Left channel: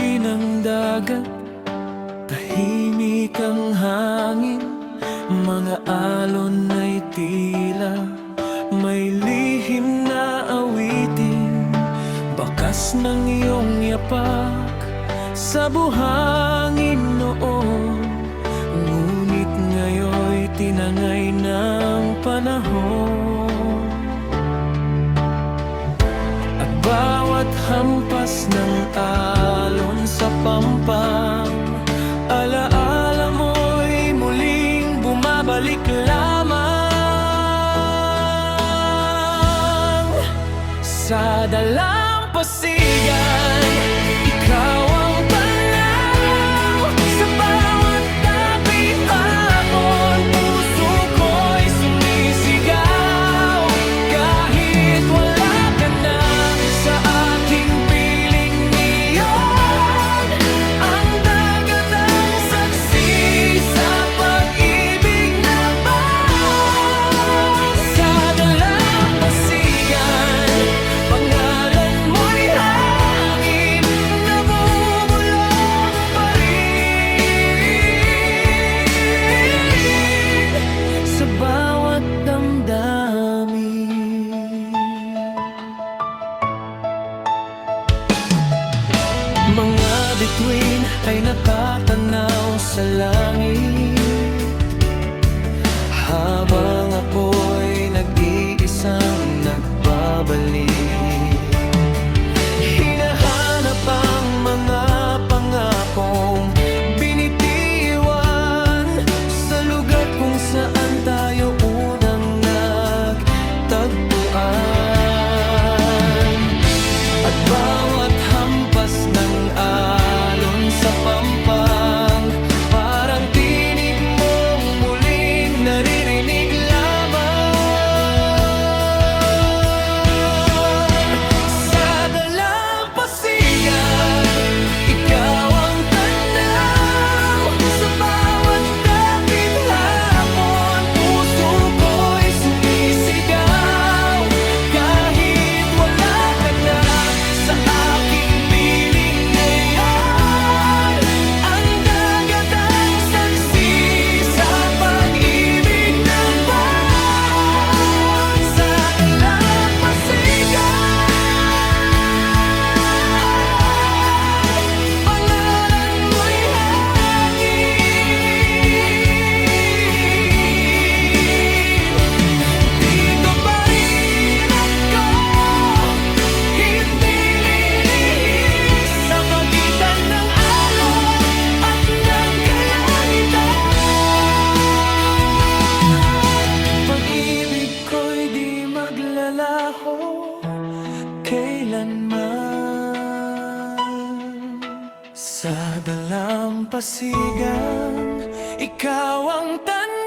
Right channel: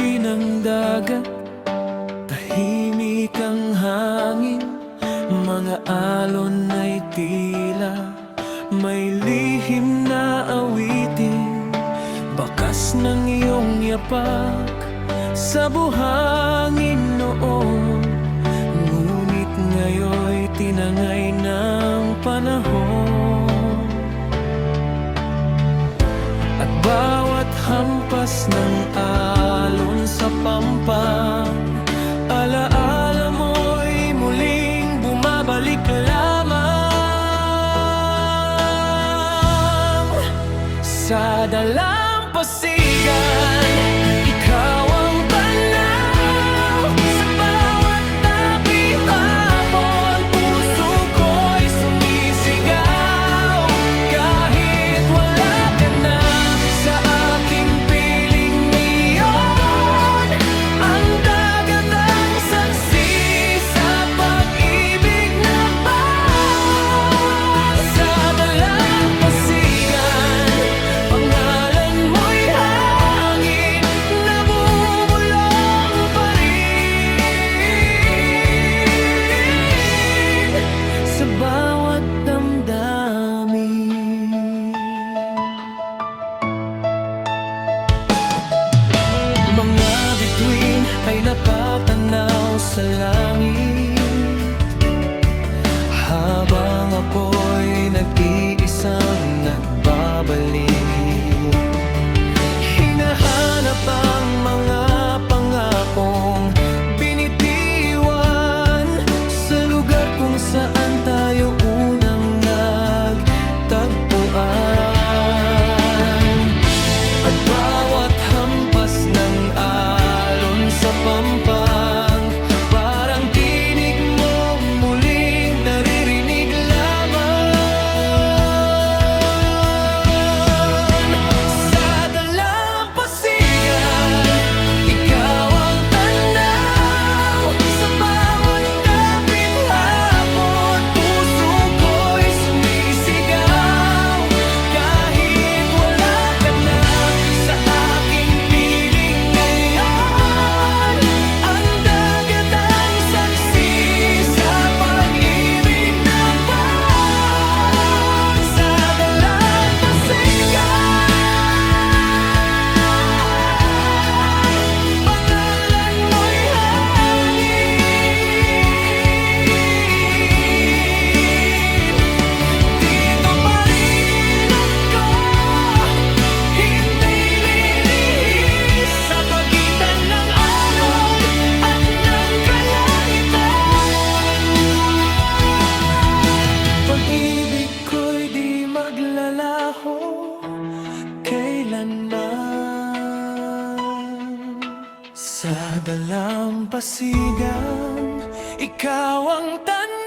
bituin ng dagat, tahimik ang hangin, mga alon ay tila may lihim na awitin. Bakas ng iyong yapak sa buhangin noon, ngunit ngayon'y tinangay ng panahon. At bawat hampas ng alon sa pampang, alaala mo'y muling bumabalik lamang. Sa dalampasigan, ikaw ang tanaw. Sa bawat tabi hapon, puso ko'y sumisigaw. Kahit wala ka na sa aking piling ngayon, ang dagat ang saksi sa pag-ibig na bang. Sa dalampasigan, pangalan mo'y hangin na bumulong pa rin sa bawat damdamin. Mga bituin ay nakatanaw sa langit, habang ako'y nag-iisang nagbabalik. Hinahanap ang mga pangakong binitiwan sa lugar kung saan tayo unang nagtagpuan. At bawat hampas ng alon sa pampang, parang tinig mong muling naririnig lamang. Sa dalampasigan, ikaw ang tanaw. Sa bawat dapit hapon, puso ko'y sumisigaw. Kahit wala ka na sa aking piling ngayon, ang dagat ang saksi sa pag-ibig na bang. Sa dalampasigan, pangalan mo'y hangin. Dito pa rin ako, hindi lilihis sa pagitan ng alon at ng kalangitan. Pag-ibig ko'y di maglalaho kailanman. Sa dalampasigan, ikaw ang tanaw.